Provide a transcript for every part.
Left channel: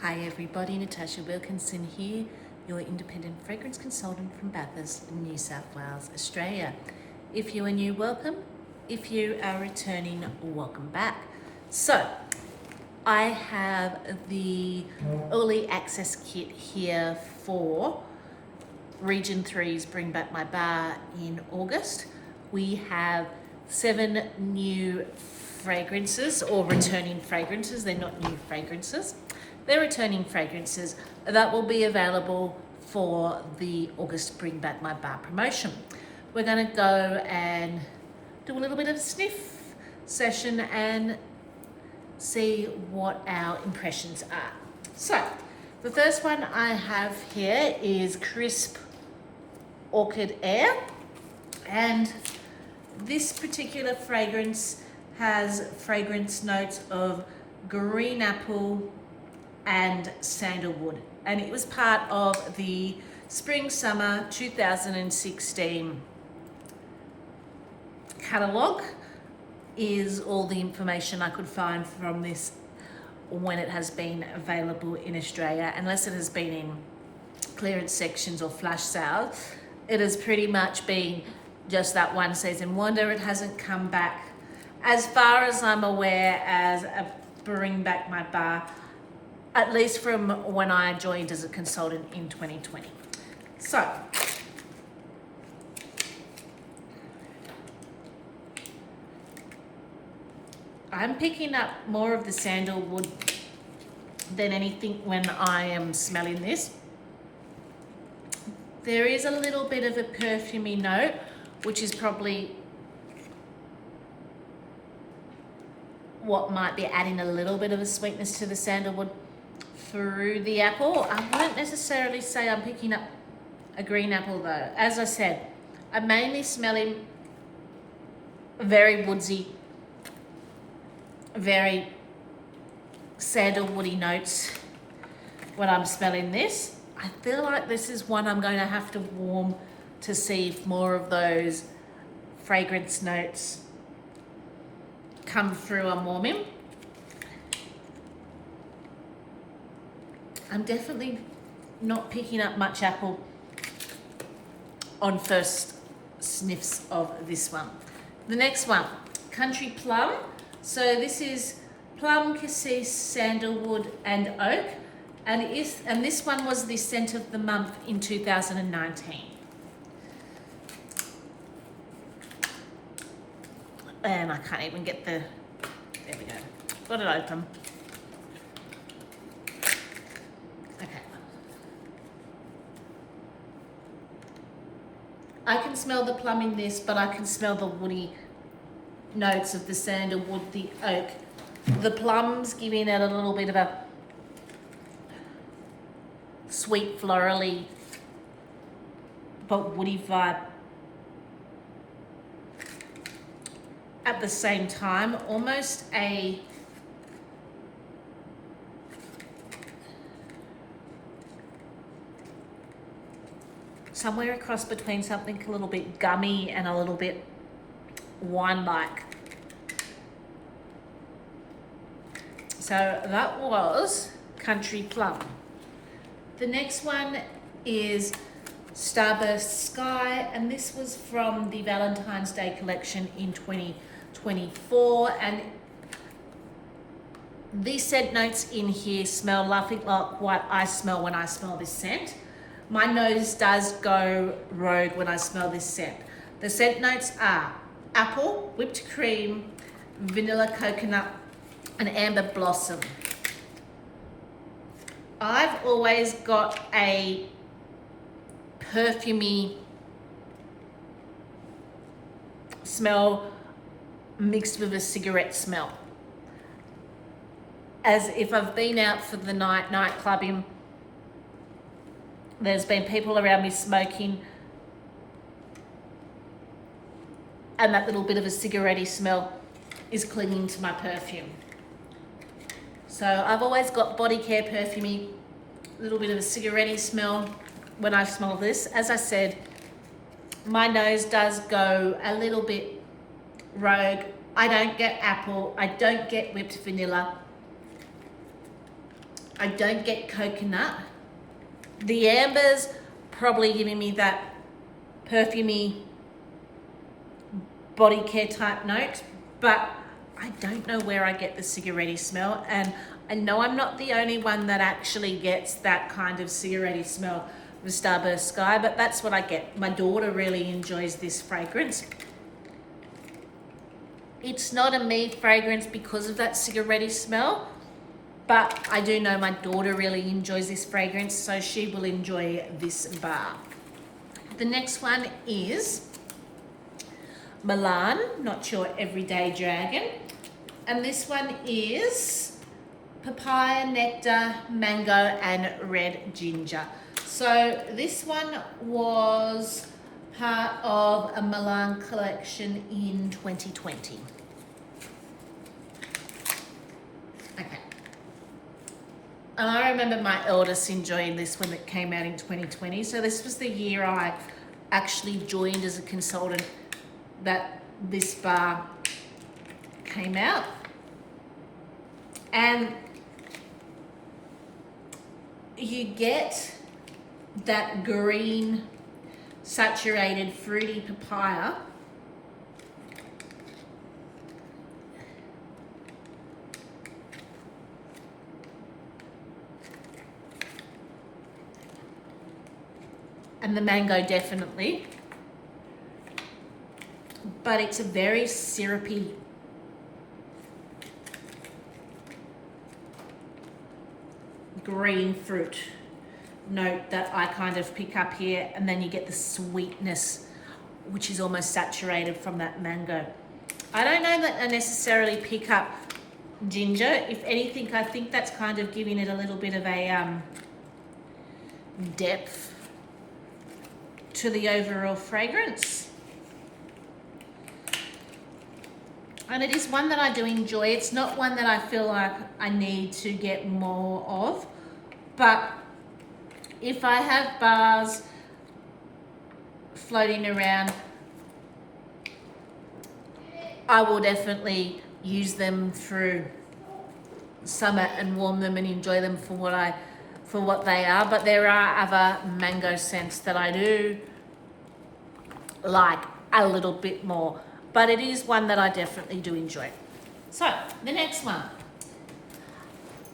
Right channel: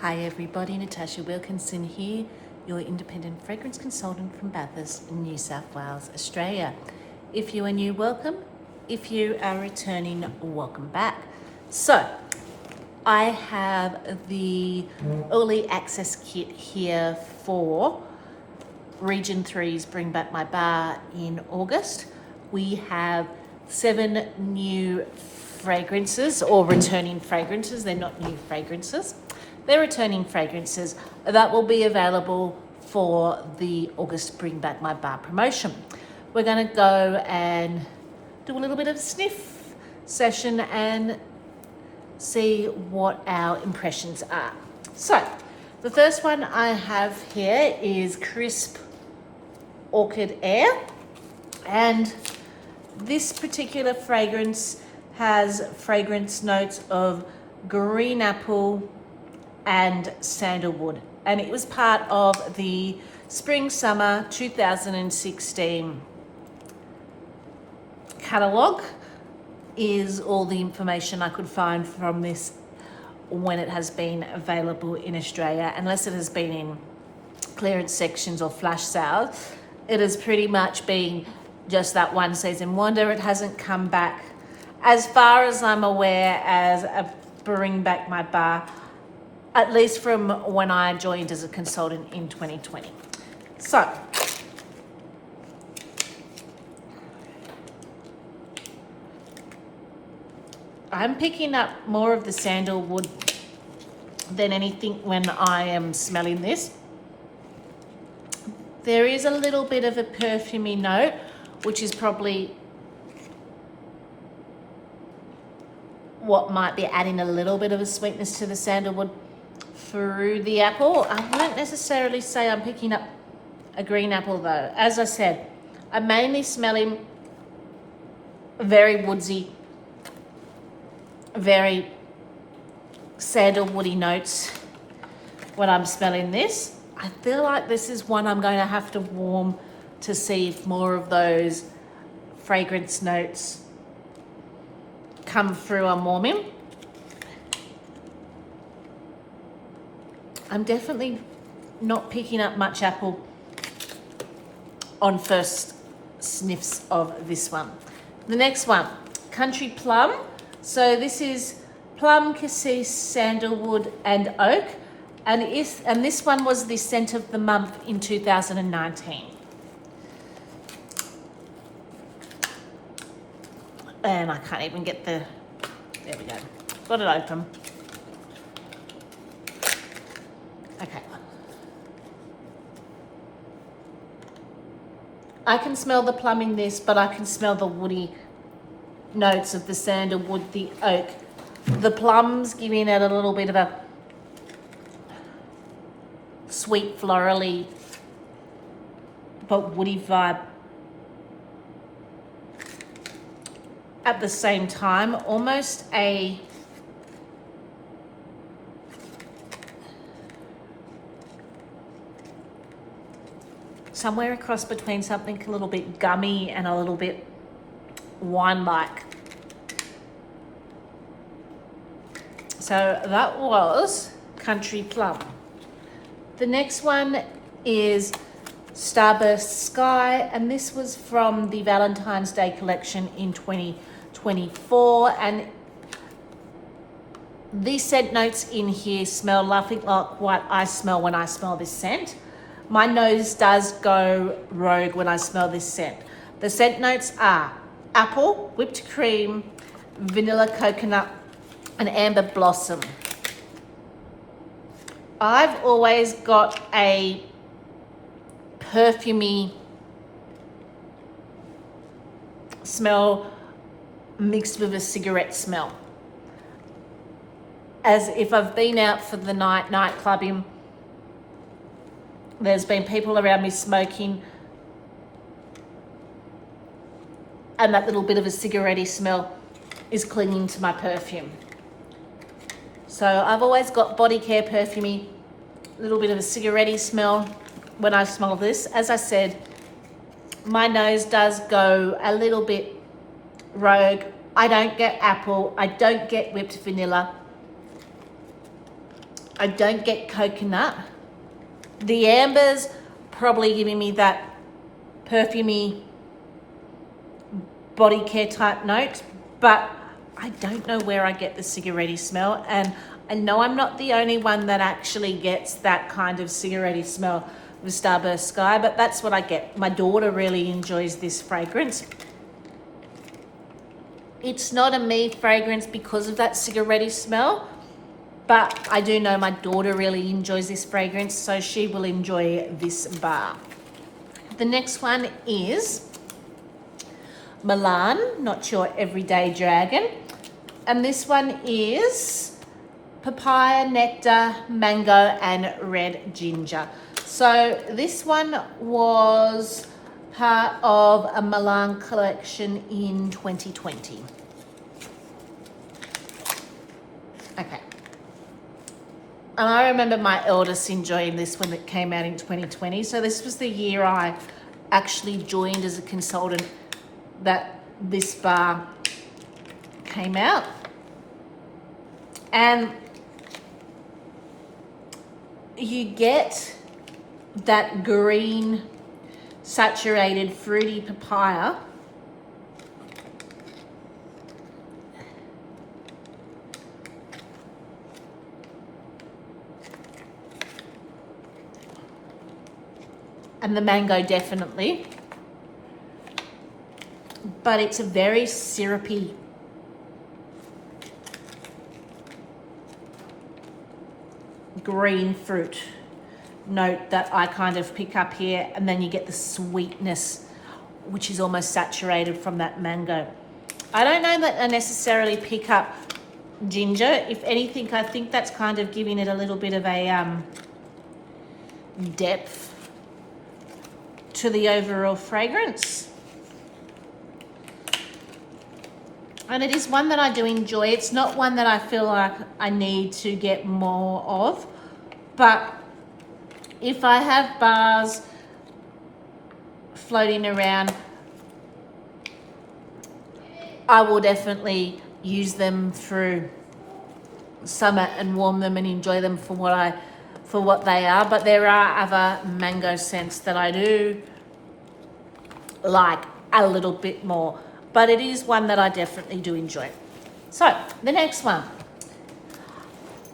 Hi everybody, Natasha Wilkinson here, your independent fragrance consultant from Bathurst, New South Wales, Australia. If you are new, welcome. If you are returning, welcome back. So, I have the early access kit here for Region 3's Bring Back My Bar in August. We have 7 new fragrances or returning fragrances. They're not new fragrances. They're returning fragrances that will be available for the August Bring Back My Bar promotion. We're going to go and do a little bit of a sniff session and see what our impressions are. So, the first one I have here is Crisp Orchid Air, and this particular fragrance has fragrance notes of green apple and sandalwood, and it was part of the Spring Summer 2016 catalogue. Is all the information I could find from this when it has been available in Australia, unless it has been in clearance sections or flash sales. It has pretty much been just that one season wonder. It hasn't come back, as far as I'm aware, as a Bring Back My Bar, at least from when I joined as a consultant in 2020. So, I'm picking up more of the sandalwood than anything when I am smelling this. There is a little bit of a perfumey note, which is probably what might be adding a little bit of a sweetness to the sandalwood through the apple. I wouldn't necessarily say I'm picking up a green apple though. As I said, I'm mainly smelling very woodsy, very sandalwoody notes when I'm smelling this. I feel like this is one I'm going to have to warm to see if more of those fragrance notes come through on warming. I'm definitely not picking up much apple on first sniffs of this one. The next one, Country Plum. So this is plum, cassis, sandalwood, and oak. And this one was the scent of the month in 2019. And I can't even get there we go. Got it open. Okay. I can smell the plum in this, but I can smell the woody notes of the sandalwood, the oak. The plums giving it a little bit of a sweet, florally, but woody vibe. At the same time, almost a somewhere across between something a little bit gummy and a little bit wine-like. So that was Country Plum. The next one is Starburst Sky, and this was from the Valentine's Day collection in 2024. And these scent notes in here smell nothing like what I smell when I smell this scent. My nose does go rogue when I smell this scent. The scent notes are apple, whipped cream, vanilla coconut, and amber blossom. I've always got a perfumey smell mixed with a cigarette smell. As if I've been out for the night clubbing, there's been people around me smoking, and that little bit of a cigarette-y smell is clinging to my perfume. So I've always got body care perfumey, a little bit of a cigarette-y smell when I smell this. As I said, my nose does go a little bit rogue. I don't get apple, I don't get whipped vanilla. I don't get coconut. The amber's probably giving me that perfumey body care type note, but I don't know where I get the cigarette smell, and I know I'm not the only one that actually gets that kind of cigarette smell with Starburst Sky, but that's what I get. My daughter really enjoys this fragrance. It's not a me fragrance because of that cigarette smell, but I do know my daughter really enjoys this fragrance, so she will enjoy this bar. The next one is Milan, not your everyday dragon. And this one is papaya, nectar, mango, and red ginger. So this one was part of a Milan collection in 2020. Okay. And I remember my eldest enjoying this when it came out in 2020. So this was the year I actually joined as a consultant that this bar came out. And you get that green saturated fruity papaya and the mango definitely, but it's a very syrupy green fruit note that I kind of pick up here, and then you get the sweetness which is almost saturated from that mango. I don't know that I necessarily pick up ginger. If anything, I think that's kind of giving it a little bit of a depth to the overall fragrance. And it is one that I do enjoy. It's not one that I feel like I need to get more of, but if I have bars floating around, I will definitely use them through summer and warm them and enjoy them for what they are. But there are other mango scents that I do like a little bit more, but it is one that I definitely do enjoy. So the next one,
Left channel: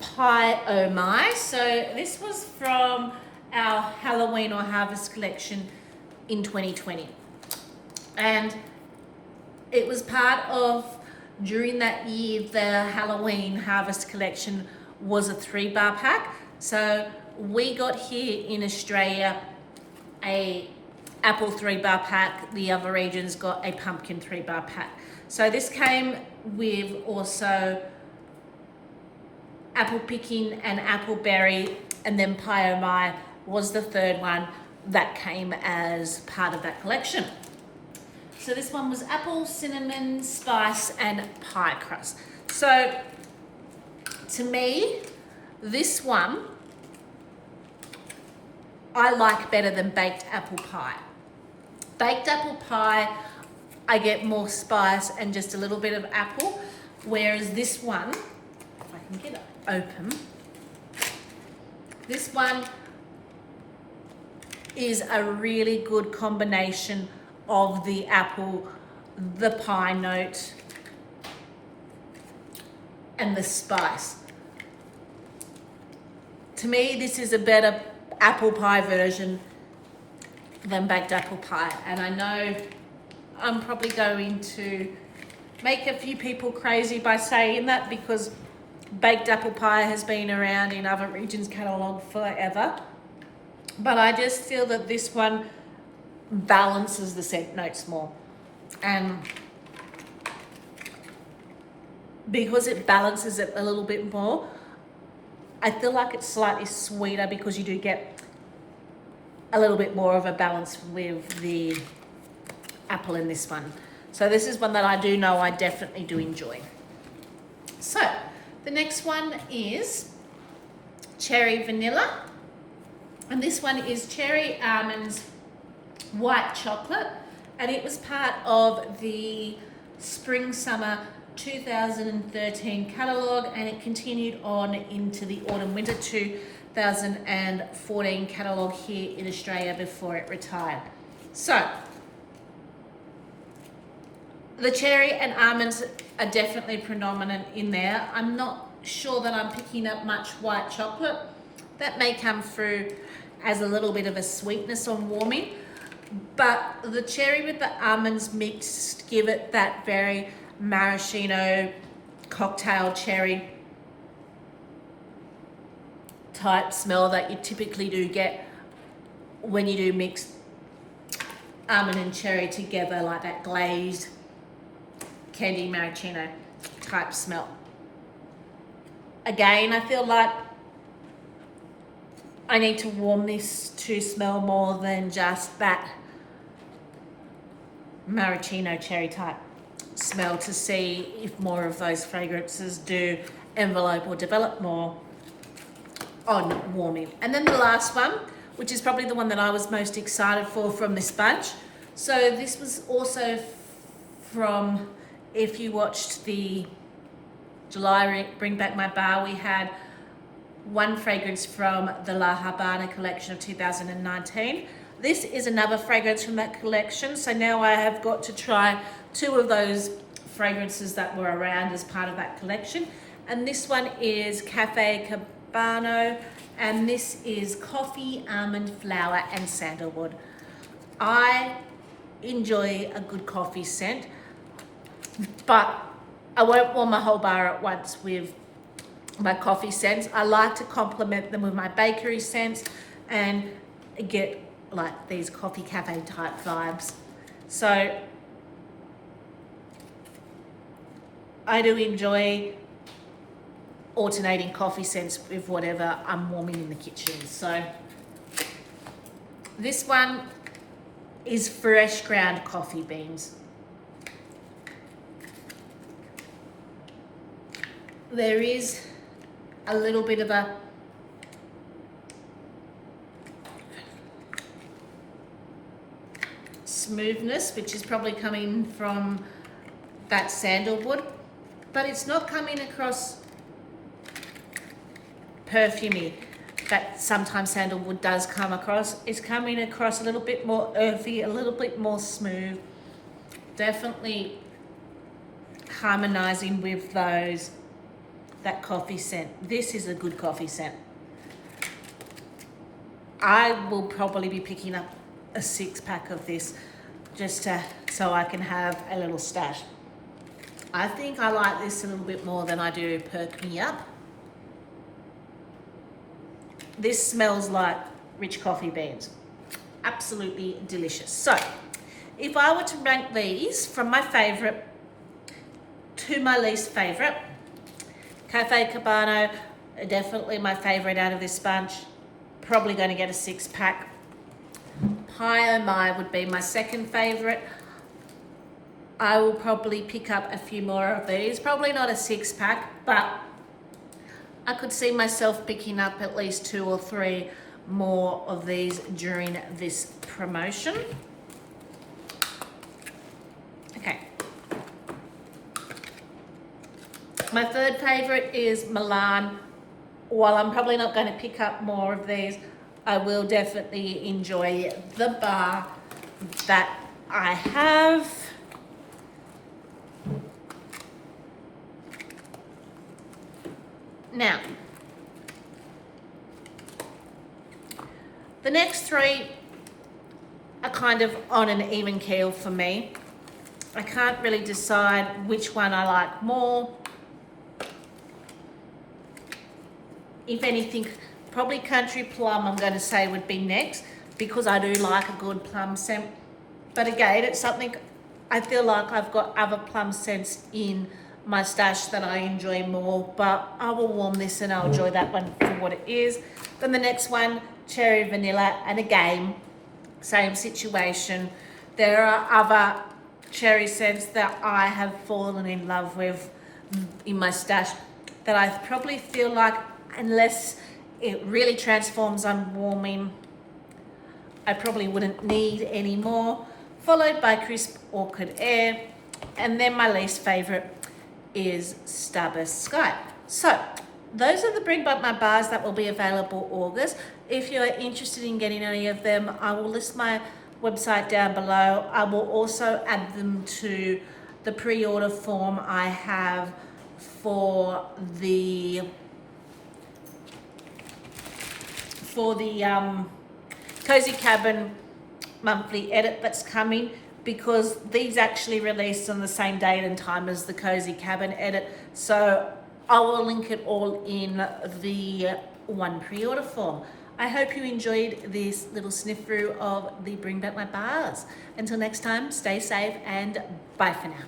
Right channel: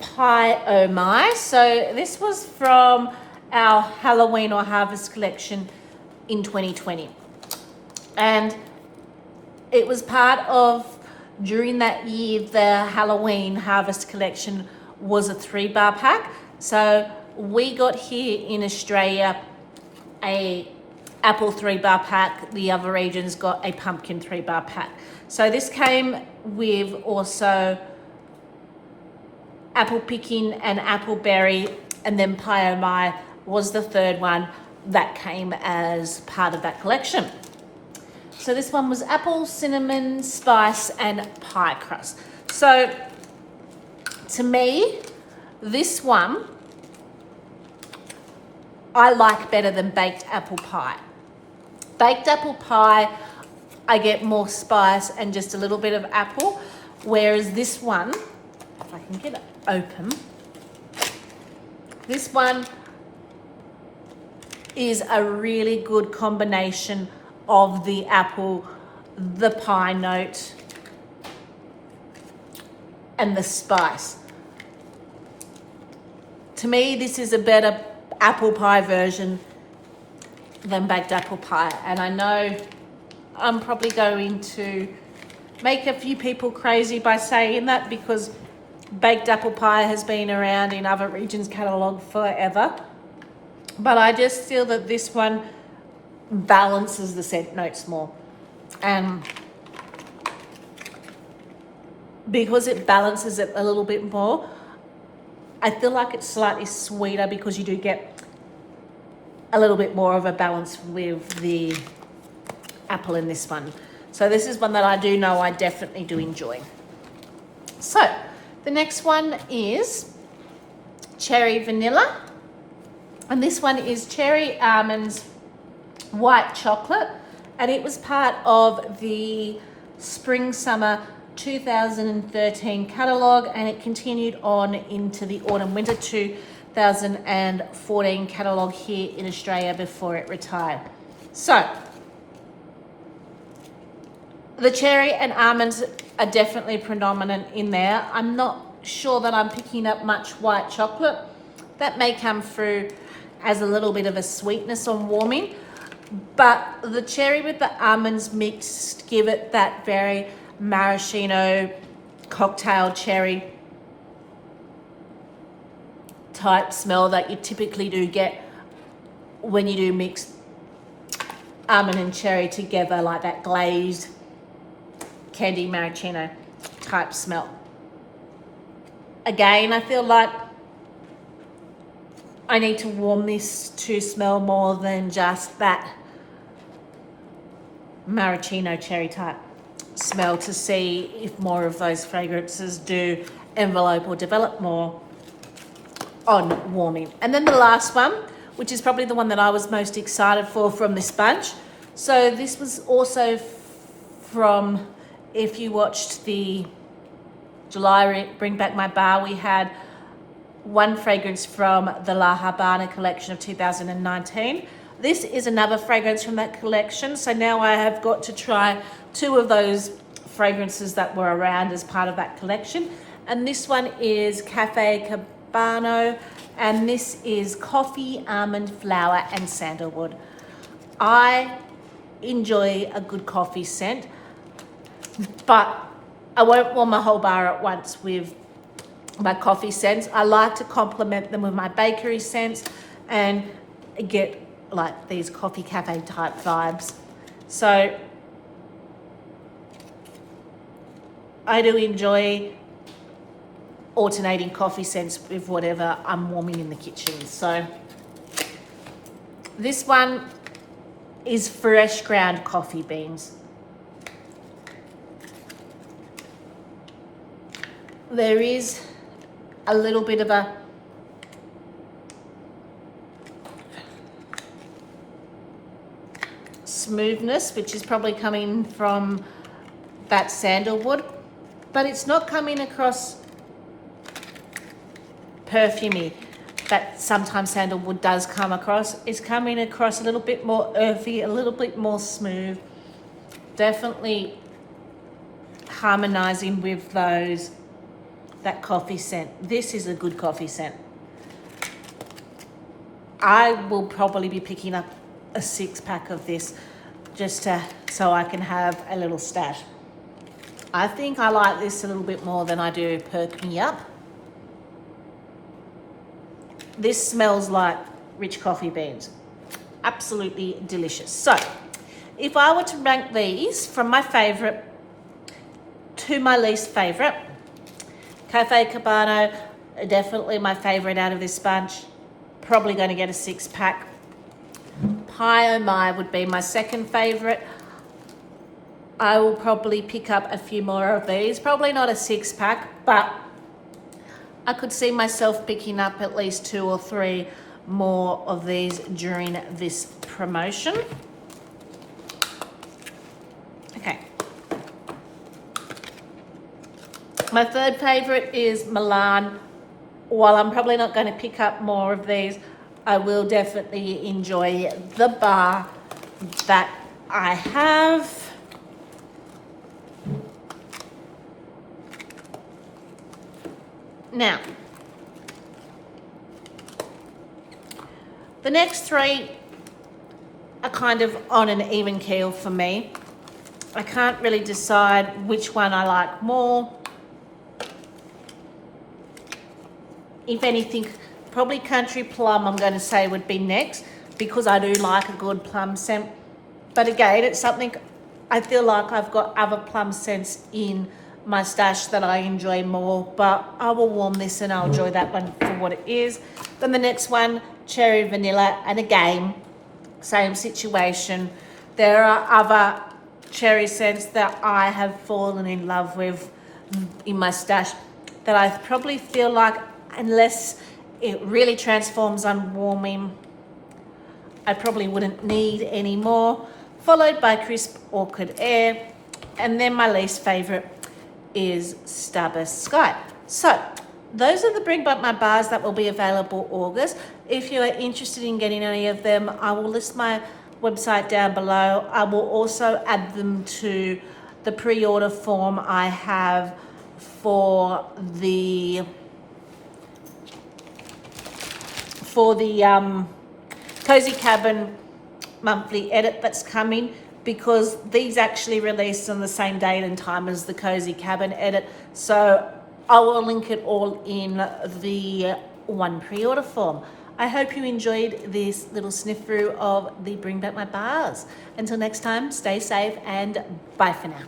Pie Oh My. So this was from our Halloween or Harvest collection in 2020, and it was part of, during that year, the Halloween Harvest collection was a 3-bar pack. So we got here in Australia a apple 3-bar pack. The other regions got a pumpkin 3-bar pack. So this came with also apple picking and apple berry, and then Pie Oh My was the third one that came as part of that collection. So this one was apple, cinnamon, spice, and pie crust. So to me, this one I like better than baked apple pie. Baked apple pie, I get more spice and just a little bit of apple, whereas this one, if I can get it open, this one is a really good combination of the apple, the pie note, and the spice. To me, this is a better apple pie version than baked apple pie. And I know I'm probably going to make a few people crazy by saying that, because baked apple pie has been around in other regions' catalogue forever. But I just feel that this one balances the scent notes more. And because it balances it a little bit more, I feel like it's slightly sweeter, because you do get a little bit more of a balance with the apple in this one. So this is one that I do know I definitely do enjoy. So the next one is Cherry Vanilla. And this one is Cherry Almonds White Chocolate. And it was part of the Spring Summer 2013 catalogue, and it continued on into the autumn winter 2014 catalogue here in Australia before it retired. So the cherry and almonds are definitely predominant in there. I'm not sure that I'm picking up much white chocolate. That may come through as a little bit of a sweetness on warming, but the cherry with the almonds mixed give it that very maraschino cocktail cherry type smell that you typically do get when you do mix almond and cherry together, like that glazed candy maraschino type smell. Again, I feel like I need to warm this to smell more than just that maraschino cherry type smell to see if more of those fragrances do envelope or develop more on warming. And then the last one, which is probably the one that I was most excited for from this bunch. So this was also from, if you watched the July Bring Back My Bar, we had one fragrance from the La Habana collection of 2019. This is another fragrance from that collection. So now I have got to try two of those fragrances that were around as part of that collection. And this one is Cafe Cabano, and this is coffee, almond, flower, and sandalwood. I enjoy a good coffee scent, but I won't warm my whole bar at once with my coffee scents. I like to complement them with my bakery scents and get like these coffee cafe type vibes. So I do enjoy alternating coffee scents with whatever I'm warming in the kitchen. So this one is fresh ground coffee beans. There is a little bit of a smoothness, which is probably coming from that sandalwood, but it's not coming across perfumey that sometimes sandalwood does come across. It's coming across a little bit more earthy, a little bit more smooth, definitely harmonizing with that coffee scent. This is a good coffee scent. I will probably be picking up a 6-pack of this just so I can have a little stash. I think I like this a little bit more than I do Perk Me Up. This smells like rich coffee beans. Absolutely delicious. So if I were to rank these from my favorite to my least favorite, Cafe Cabano, definitely my favorite out of this bunch. Probably going to get a 6-pack. Pie Oh My would be my second favorite. I will probably pick up a few more of these. Probably not a 6-pack, but I could see myself picking up at least 2 or 3 more of these during this promotion. Okay. My third favorite is Milan. While I'm probably not going to pick up more of these, I will definitely enjoy the bar that I have. Now, the next 3 are kind of on an even keel for me. I can't really decide which one I like more. If anything, probably Country Plum I'm going to say would be next, because I do like a good plum scent. But again, it's something I feel like I've got other plum scents in my stash that I enjoy more, but I will warm this and I'll enjoy that one for what it is. Then the next one, Cherry Vanilla, and again, same situation. There are other cherry scents that I have fallen in love with in my stash that I probably feel like, unless it really transforms on warming, I probably wouldn't need any more. Followed by Crisp Orchid Air, and then my least favorite is Starburst Sky. So those are the Bring Back My Bars that will be available August. If you are interested in getting any of them, I will list my website down below. I will also add them to the pre-order form I have for the Cozy Cabin monthly edit that's coming, because these actually released on the same date and time as the Cozy Cabin edit. So I will link it all in the one pre-order form. I hope you enjoyed this little sniff through of the Bring Back My Bars. Until next time, stay safe and bye for now.